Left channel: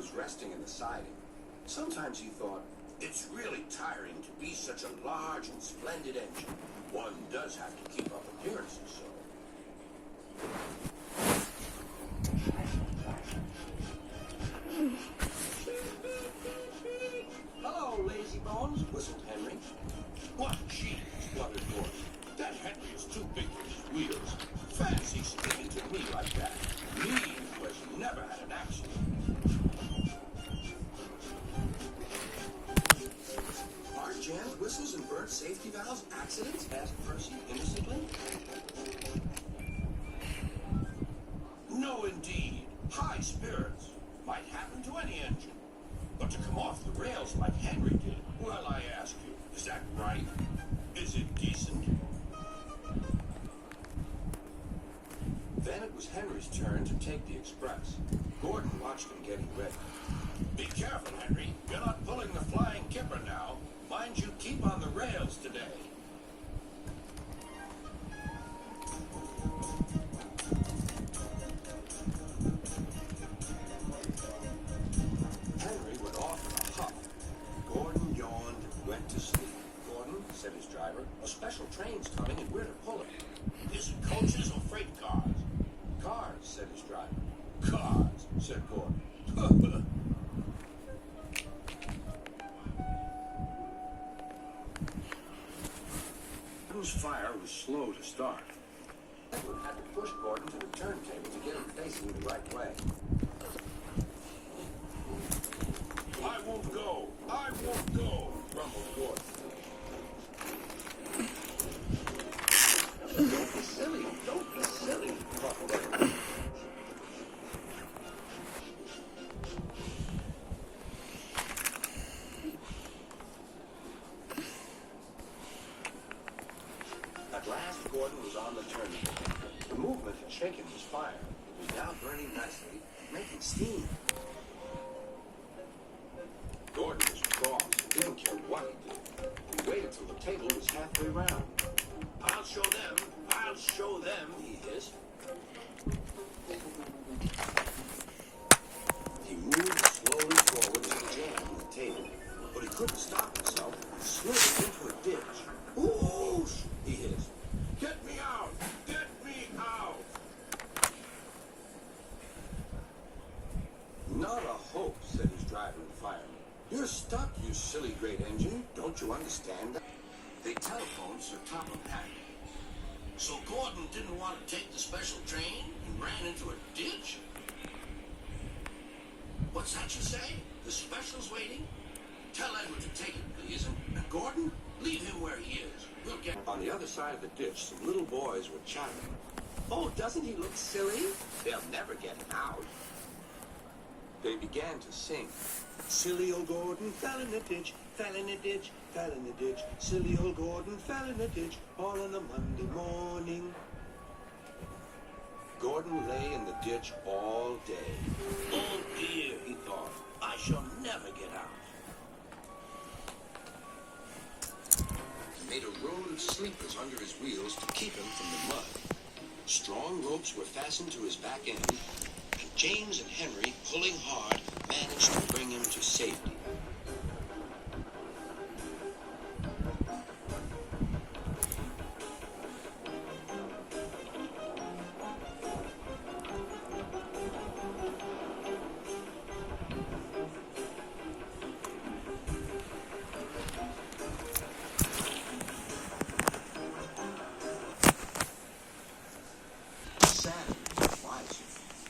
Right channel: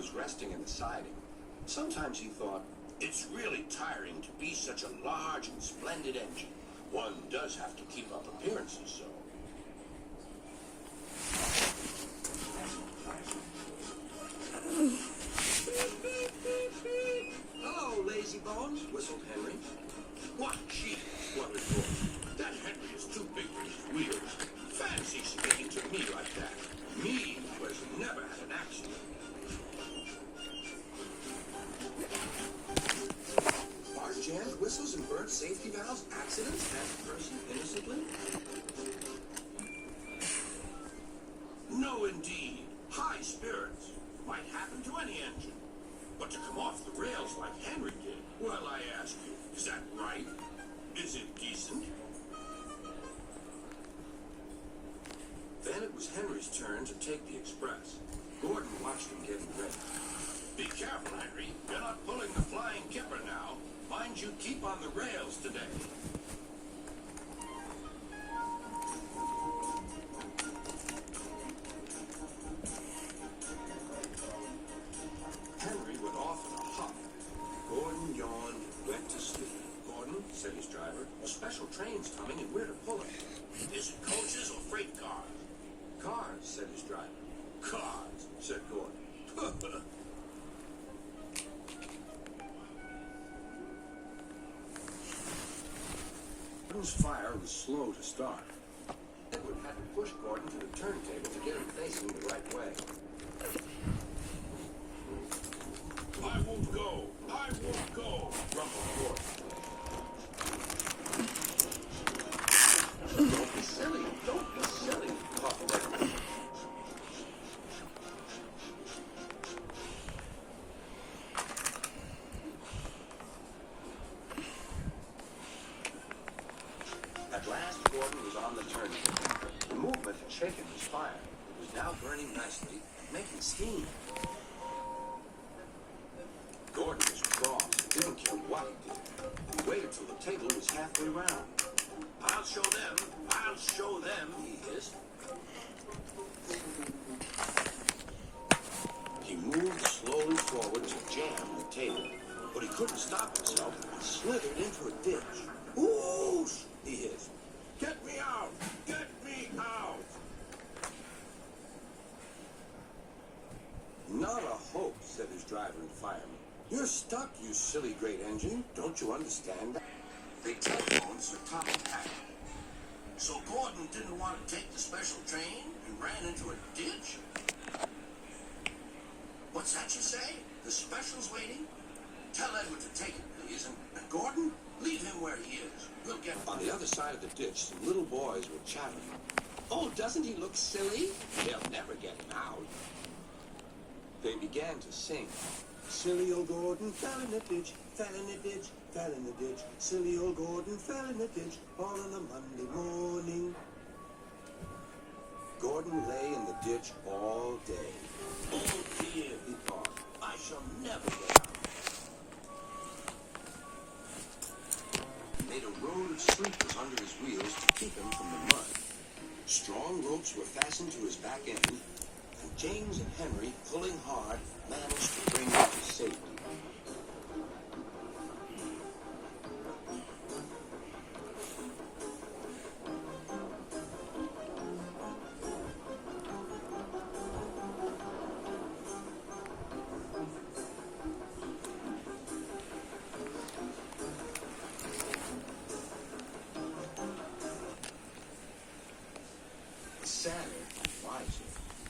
was resting in the siding. Sometimes he thought, it's really tiring to be such a large and splendid engine. One does have to keep up appearances, so. Hello, lazy bones, whistled Henry. What cheese, spluttered Gordon. That Henry is too big for his wheels. Fancy speaking to me like that. Me, who has never had an accident. Spark jams, whistles, and burnt safety valves, accidents? Asked Percy innocently. No, indeed. High spirits might happen to any engine. But to come off the rails like Henry did, well, I ask you, is that right? Is it decent? Then it was Henry's turn to take the express. Gordon watched him getting ready. Be careful, Henry. You're not pulling the flying kipper now. Mind you keep on the rails today. Henry went off in a huff. Gordon yawned and went to sleep. Gordon, said his driver, a special train's coming and we're to pull it. Is it coaches or freight cars? Cars, said his driver. Cars, said Gordon. Gordon's fire was slow to start. Edward had to push Gordon to the turntable to get him facing the right way. I won't go. I won't go, grumbled Gordon. Don't be silly. Don't be silly, ruffled Edward. At last, Gordon was on the turntable. The movement had shaken his fire. It was now burning nicely, making steam. Gordon was cross and didn't care what he did. He waited till the table was halfway round. I'll show them, he hissed. He moved slowly forward to jam the table, but he couldn't stop himself and slid into a ditch. Whoosh! He hissed. Get me out! Get me out! Not a hope, said his driver and fireman. You're stuck, you silly great engine. Don't you understand that? They telephoned Sir Thomas Hack. So Gordon didn't want to take the special train and ran into a ditch? What's that you say? The special's waiting? Tell Edward to take it, please. And Gordon, leave him where he is. We'll get... On the other side of the ditch, some little boys were chattering. Oh, doesn't he look silly? They'll never get him out. They began to sing. Silly old Gordon fell in a ditch, fell in a ditch, fell in a ditch. Silly old Gordon fell in a ditch, all on a Monday morning. Gordon lay in the ditch all day. Oh dear, he thought, I shall never get out. He made a road of sleepers under his wheels to keep him from the mud. Strong ropes were fastened to his back end, and James and Henry, pulling hard, managed to bring him to safety. Sadder, wiser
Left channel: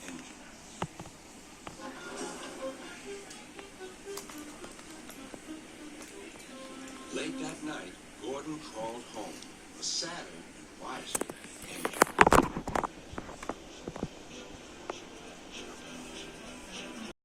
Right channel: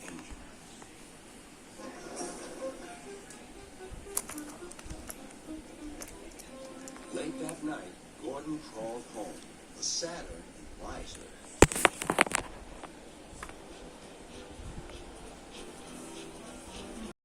engine. Late that night, Gordon crawled home, a sadder and wiser engine.